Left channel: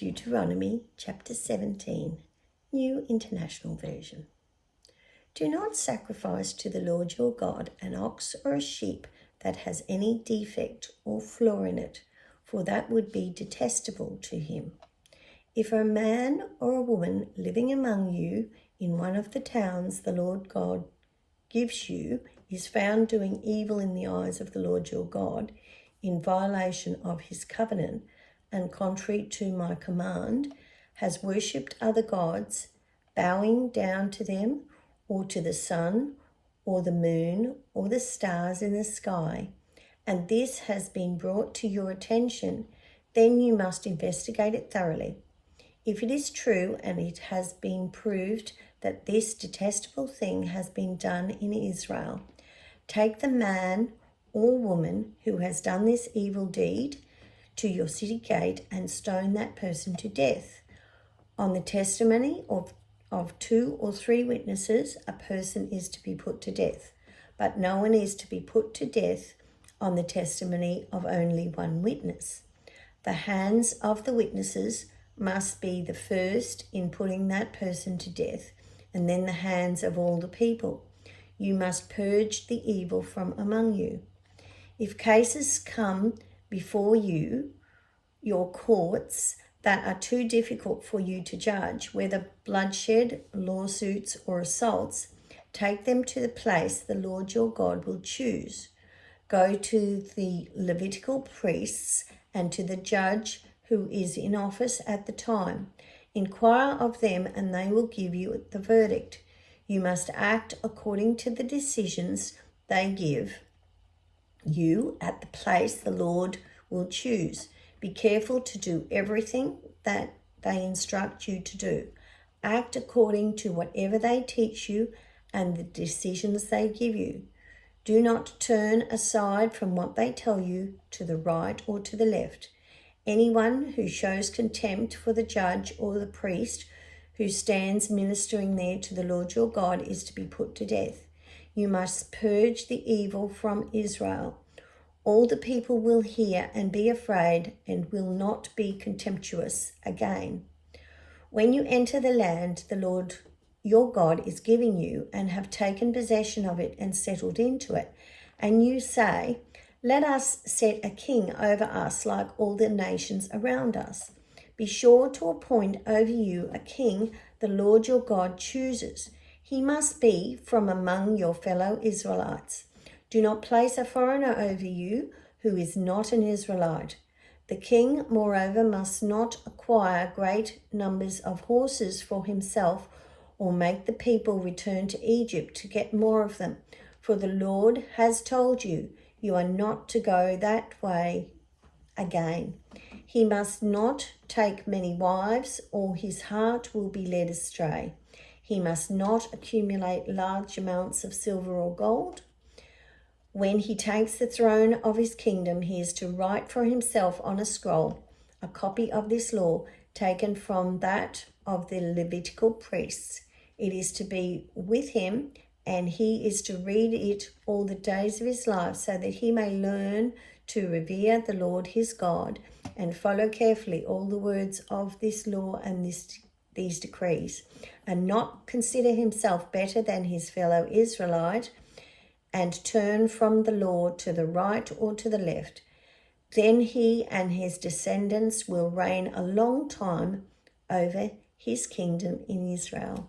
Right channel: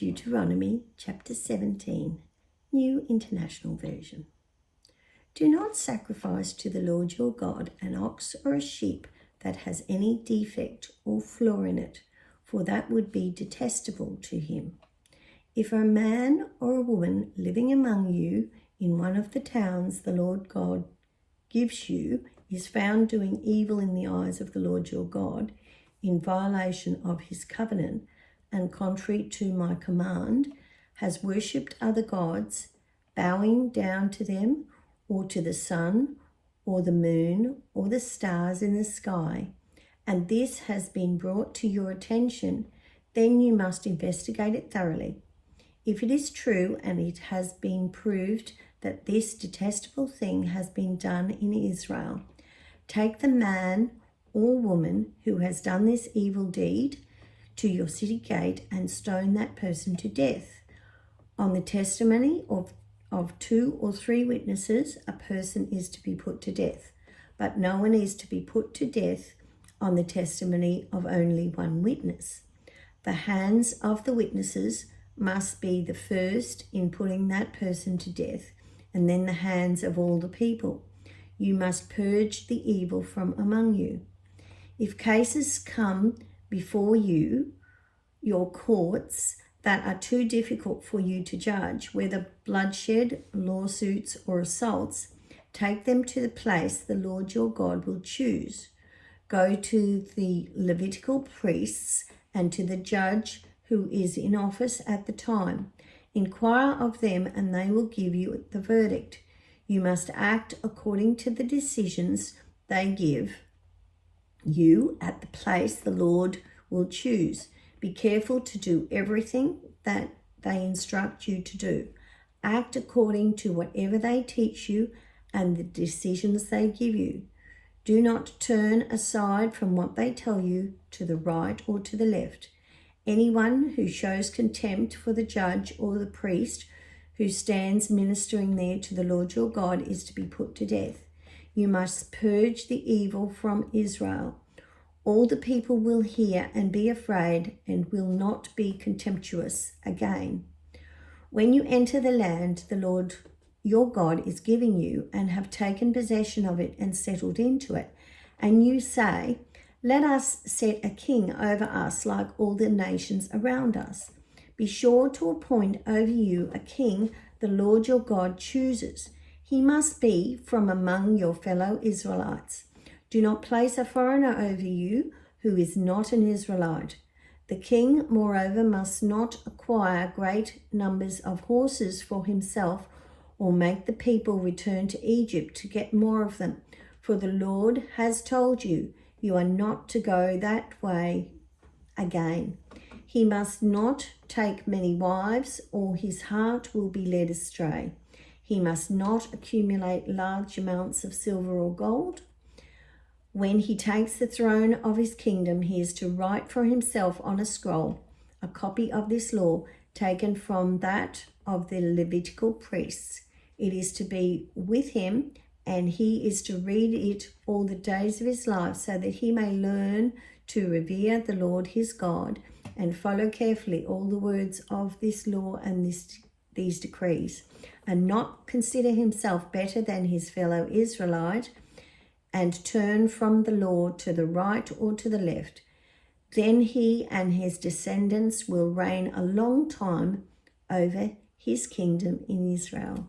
Deuteronomy chapter 17, New International Version. Do not sacrifice to the Lord your God an ox or a sheep that has any defect or flaw in it, for that would be detestable to him. If a man or a woman living among you in one of the towns the Lord God gives you is found doing evil in the eyes of the Lord your God, in violation of his covenant, and contrary to my command, has worshipped other gods, bowing down to them, or to the sun, or the moon, or the stars in the sky, and this has been brought to your attention, then you must investigate it thoroughly. If it is true and it has been proved that this detestable thing has been done in Israel, take the man or woman who has done this evil deed to your city gate and stone that person to death. On the testimony of 2 or 3 witnesses, a person is to be put to death, but no one is to be put to death on the testimony of only 1 witness. The hands of the witnesses must be the first in putting that person to death, and then the hands of all the people. You must purge the evil from among you. If cases come before your courts, that are too difficult for you to judge, whether bloodshed, lawsuits, or assaults, take them to the place the Lord your God will choose. Go to the Levitical priests and to the judge who is in office at the time. Inquire of them, and they will give you the verdict. You must act according to the decisions they give you at the place the Lord will choose. Be careful to do everything that they instruct you to do. Act according to whatever they teach you and the decisions they give you. Do not turn aside from what they tell you to the right or to the left. Anyone who shows contempt for the judge or the priest who stands ministering there to the Lord your God is to be put to death. You must purge the evil from Israel. All the people will hear and be afraid and will not be contemptuous again. When you enter the land the Lord your God is giving you and have taken possession of it and settled into it, and you say, let us set a king over us like all the nations around us. Be sure to appoint over you a king the Lord your God chooses. He must be from among your fellow Israelites. Do not place a foreigner over you who is not an Israelite. The king, moreover, must not acquire great numbers of horses for himself or make the people return to Egypt to get more of them. For the Lord has told you, you are not to go that way again. He must not take many wives, or his heart will be led astray. He must not accumulate large amounts of silver or gold. When he takes the throne of his kingdom, he is to write for himself on a scroll a copy of this law taken from that of the Levitical priests. It is to be with him, and he is to read it all the days of his life, so that he may learn to revere the Lord his God and follow carefully all the words of this law and these decrees, and not consider himself better than his fellow Israelite, and turn from the law to the right or to the left. Then he and his descendants will reign a long time over his kingdom in Israel.